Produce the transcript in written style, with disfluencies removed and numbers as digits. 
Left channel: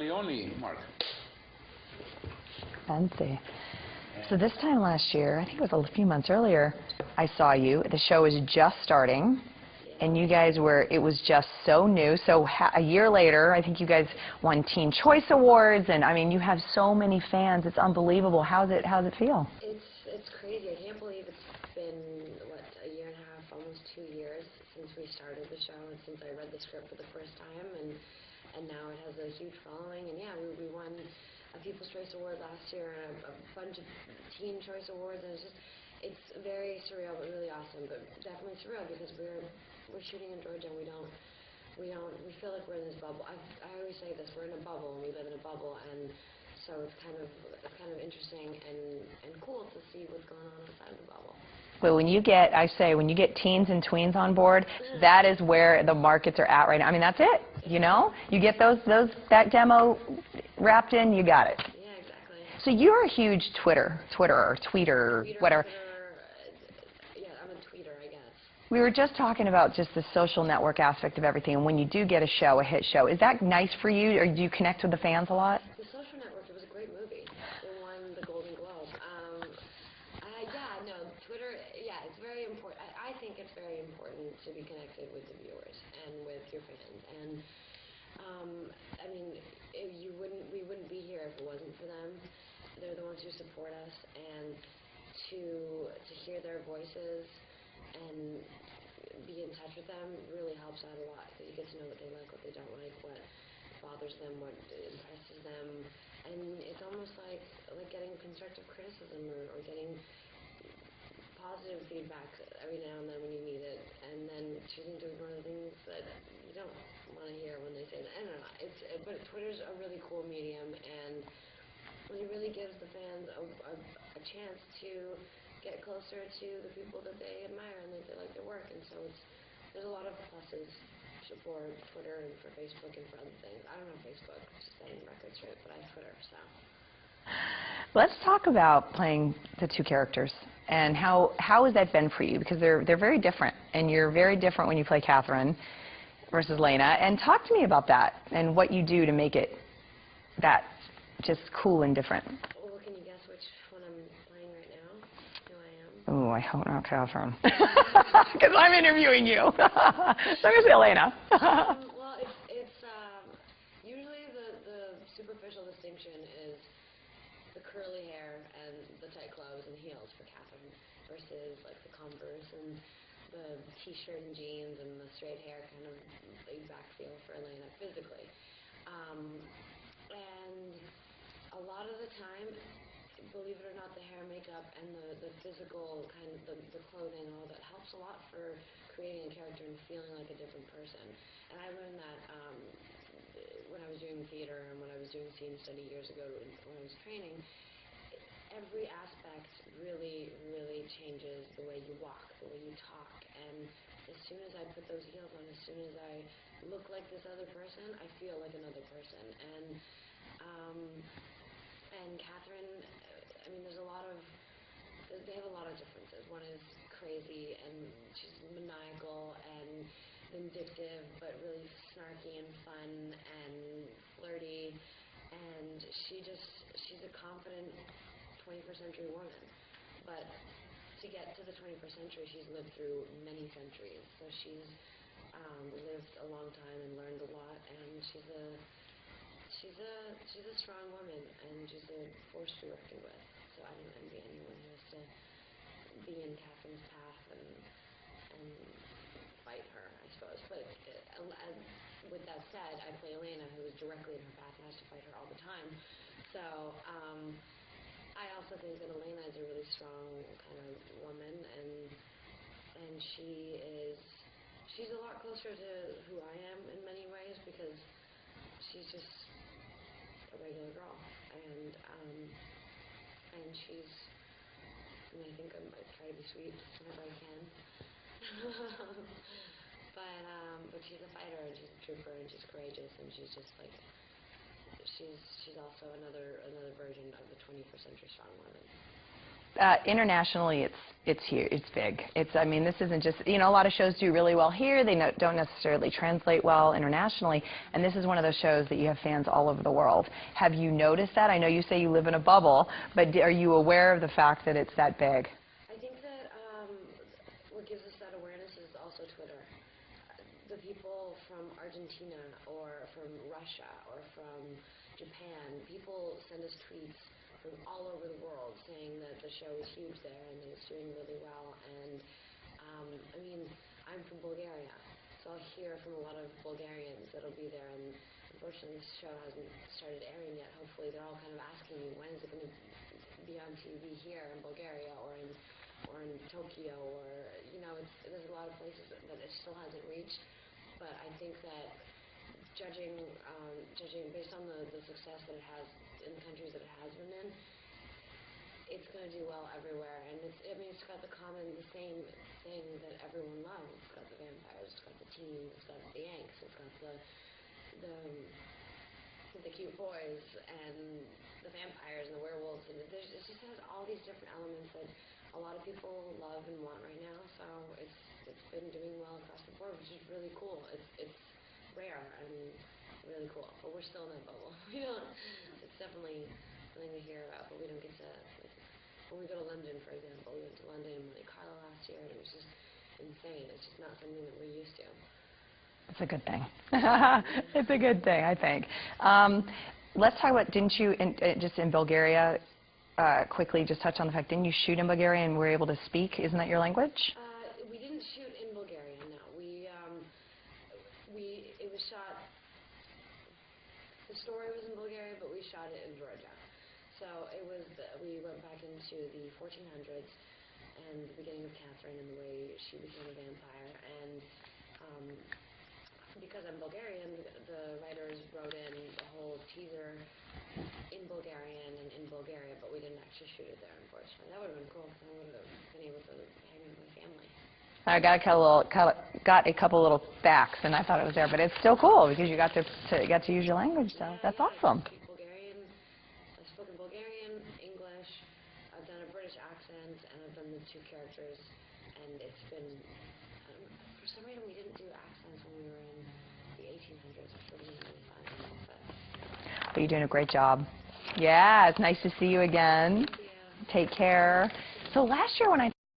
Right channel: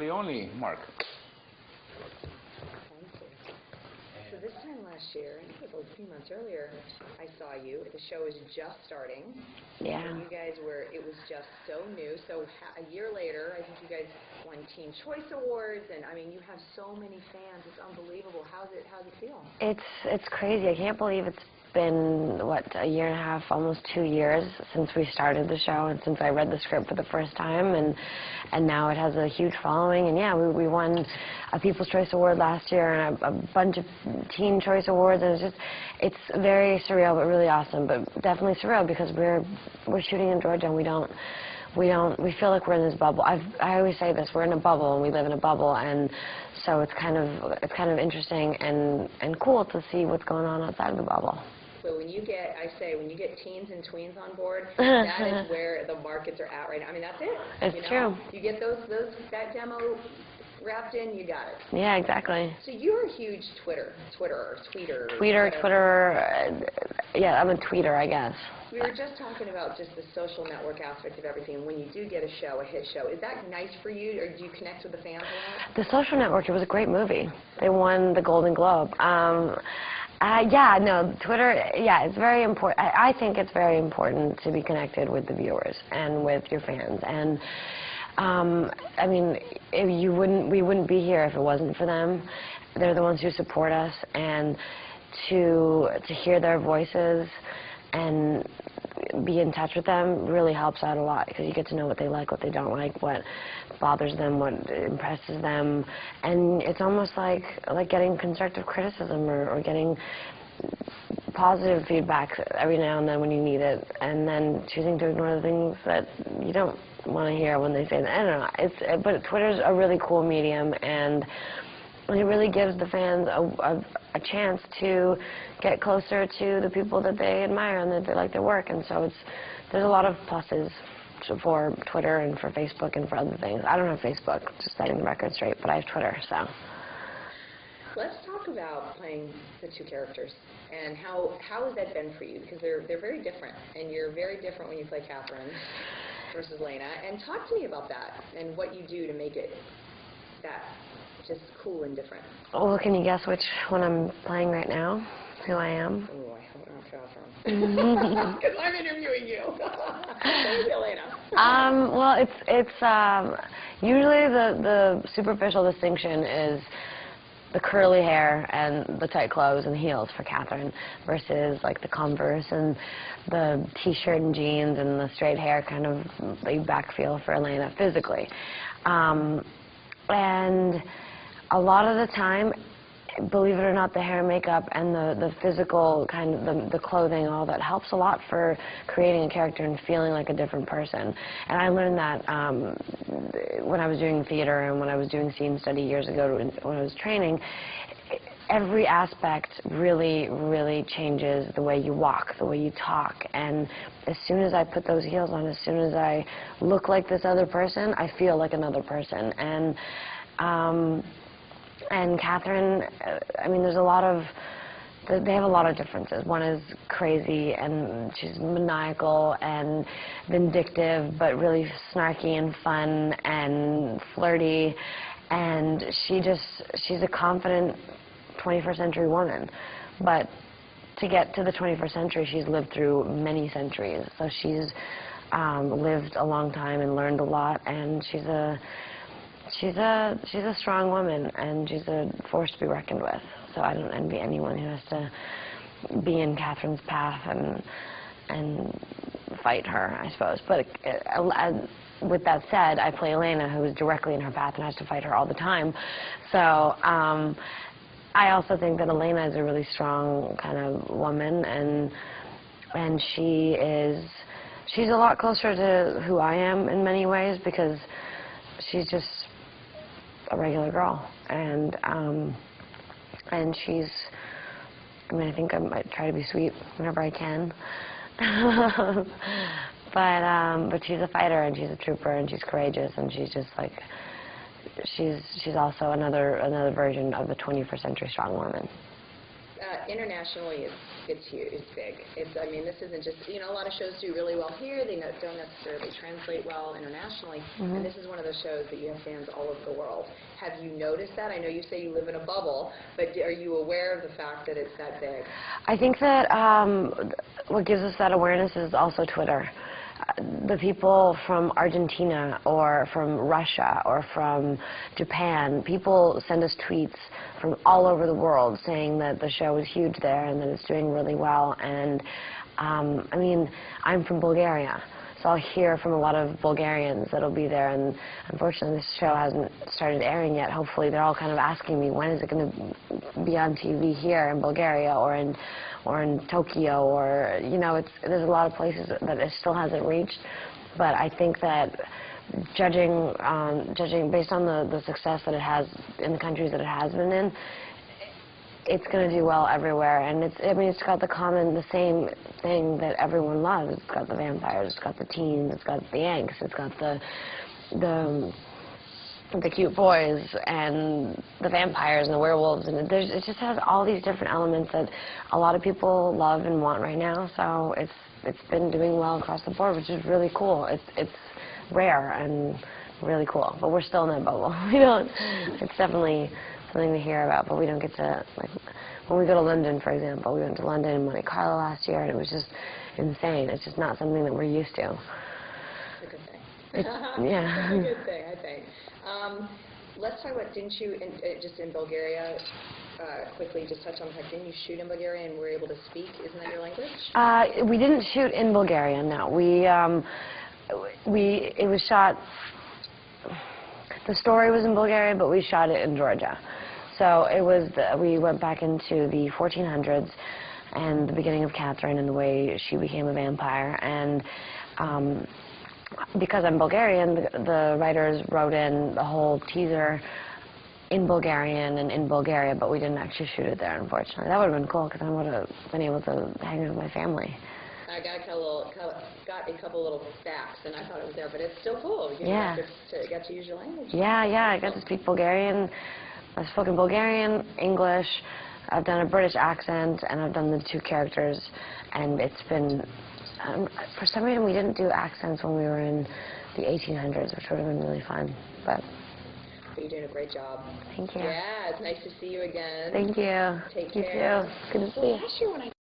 Only Mark. Fancy. So this time last year, I think it was a few months earlier, I saw you. The show was just starting. Yeah. And you guys were, it was just so new. So a year later, I think you guys won Teen Choice Awards, and I mean, you have so many fans. It's unbelievable. How's it feel? It's crazy. I can't believe it's been, what, a year and a half, almost 2 years since we started the show and since I read the script for the first time, and now it has a huge following. And yeah, we won a People's Choice Award last year and a bunch of Teen Choice Awards, and it's very surreal but really awesome, but definitely surreal because we're shooting in Georgia and we feel like we're in this bubble. I always say this, we're in a bubble and we live in a bubble, and so it's kind of interesting and cool to see what's going on outside of the bubble. Well, when you get, I say, when you get teens and tweens on board, that is where the markets are at right now. I mean, that's it. It's you know, true. You get that demo wrapped in, you got it. Yeah, exactly. So you're a huge Tweeter. Yeah, I'm a tweeter, I guess. We were just talking about just the social network aspect of everything, and when you do get a hit show, is that nice for you, or do you connect with the fans a lot? The Social Network, it was a great movie. They won the Golden Globe. Yeah, no, Twitter, yeah, it's very important. I think it's very important to be connected with the viewers and with your fans. And I mean, we wouldn't be here if it wasn't for them. They're the ones who support us, and to hear their voices and be in touch with them really helps out a lot, because you get to know what they like, what they don't like, what bothers them, what impresses them, and it's almost like getting constructive criticism or getting positive feedback every now and then when you need it, and then choosing to ignore the things that you don't want to hear when they say that. I don't know. But Twitter's a really cool medium, and it really gives the fans a chance to get closer to the people that they admire and that they like their work. And so there's a lot of pluses for Twitter and for Facebook and for other things. I don't have Facebook, just setting the record straight, but I have Twitter, so. Let's talk about playing the two characters, and how has that been for you? Because they're very different, and you're very different when you play Catherine versus Lena. And talk to me about that and what you do to make it that just cool and different. Well, can you guess which one I'm playing right now? Who I am? Oh, I hope not Catherine. Because I'm interviewing you. So it's Elena. Well, it's usually the superficial distinction is the curly hair and the tight clothes and heels for Catherine versus like the Converse and the t-shirt and jeans and the straight hair, kind of laid back feel for Elena physically. And a lot of the time, believe it or not, the hair and makeup and the physical kind of the clothing and all that helps a lot for creating a character and feeling like a different person. And I learned that when I was doing theater and when I was doing scene study years ago when I was training. Every aspect really, really changes the way you walk, the way you talk. And as soon as I put those heels on, as soon as I look like this other person, I feel like another person. And Catherine, I mean, they have a lot of differences. One is crazy, and she's maniacal and vindictive, but really snarky and fun and flirty. And she's a confident 21st century woman. But to get to the 21st century, she's lived through many centuries. So she's lived a long time and learned a lot, and she's a strong woman, and she's a force to be reckoned with. So I don't envy anyone who has to be in Catherine's path and fight her, I suppose. But with that said, I play Elena, who is directly in her path and has to fight her all the time. So I also think that Elena is a really strong kind of woman, and she's a lot closer to who I am in many ways, because she's just a regular girl, and she's, I mean, I think I might try to be sweet whenever I can, but she's a fighter, and she's a trooper, and she's courageous, and she's just like, she's also another version of the 21st century strong woman. Internationally, it's huge. It's big. I mean, this isn't just, you know, a lot of shows do really well here. They don't necessarily translate well internationally. Mm-hmm. And this is one of those shows that you have fans all over the world. Have you noticed that? I know you say you live in a bubble, but are you aware of the fact that it's that big? I think that what gives us that awareness is also Twitter. The people from Argentina or from Russia or from Japan, people send us tweets from all over the world saying that the show is huge there and that it's doing really well. And I mean, I'm from Bulgaria, so I'll hear from a lot of Bulgarians that'll be there. And unfortunately, this show hasn't started airing yet. Hopefully, they're all kind of asking me, when is it going to be on TV here in Bulgaria or in Tokyo, or, you know, there's a lot of places that it still hasn't reached. But I think that judging based on the success that it has in the countries that it has been in, it's going to do well everywhere. And it's got the same thing that everyone loves. It's got the vampires, it's got the teens, it's got the angst, it's got the cute boys and the vampires and the werewolves, and it just has all these different elements that a lot of people love and want right now. So it's been doing well across the board, which is really cool. It's rare and really cool, but we're still in that bubble. It's definitely something to hear about, but we don't get to, like, when we go to London, for example, we went to London and Monte Carlo last year, and it was just insane. It's just not something that we're used to. It's a good thing. Yeah. It's a good thing, I think. Let's talk about, didn't you, just in Bulgaria, quickly just touch on the fact, didn't you shoot in Bulgaria and were able to speak? Isn't that your language? We didn't shoot in Bulgaria, no. It was shot, the story was in Bulgaria, but we shot it in Georgia. So we went back into the 1400s and the beginning of Catherine and the way she became a vampire. And because I'm Bulgarian, the writers wrote in the whole teaser in Bulgarian and in Bulgaria, but we didn't actually shoot it there, unfortunately. That would have been cool, because I would have been able to hang out with my family. I got a couple little facts, and I thought it was there, but it's still cool because you got to use your language. Yeah, That's yeah, awesome. I got to speak Bulgarian. I've spoken Bulgarian, English. I've done a British accent, and I've done the two characters, and it's been. For some reason, we didn't do accents when we were in the 1800s, which would have been really fun. But you're doing a great job. Thank you. Yeah, it's nice to see you again. Thank you. Take care. Good to see So you. last year when I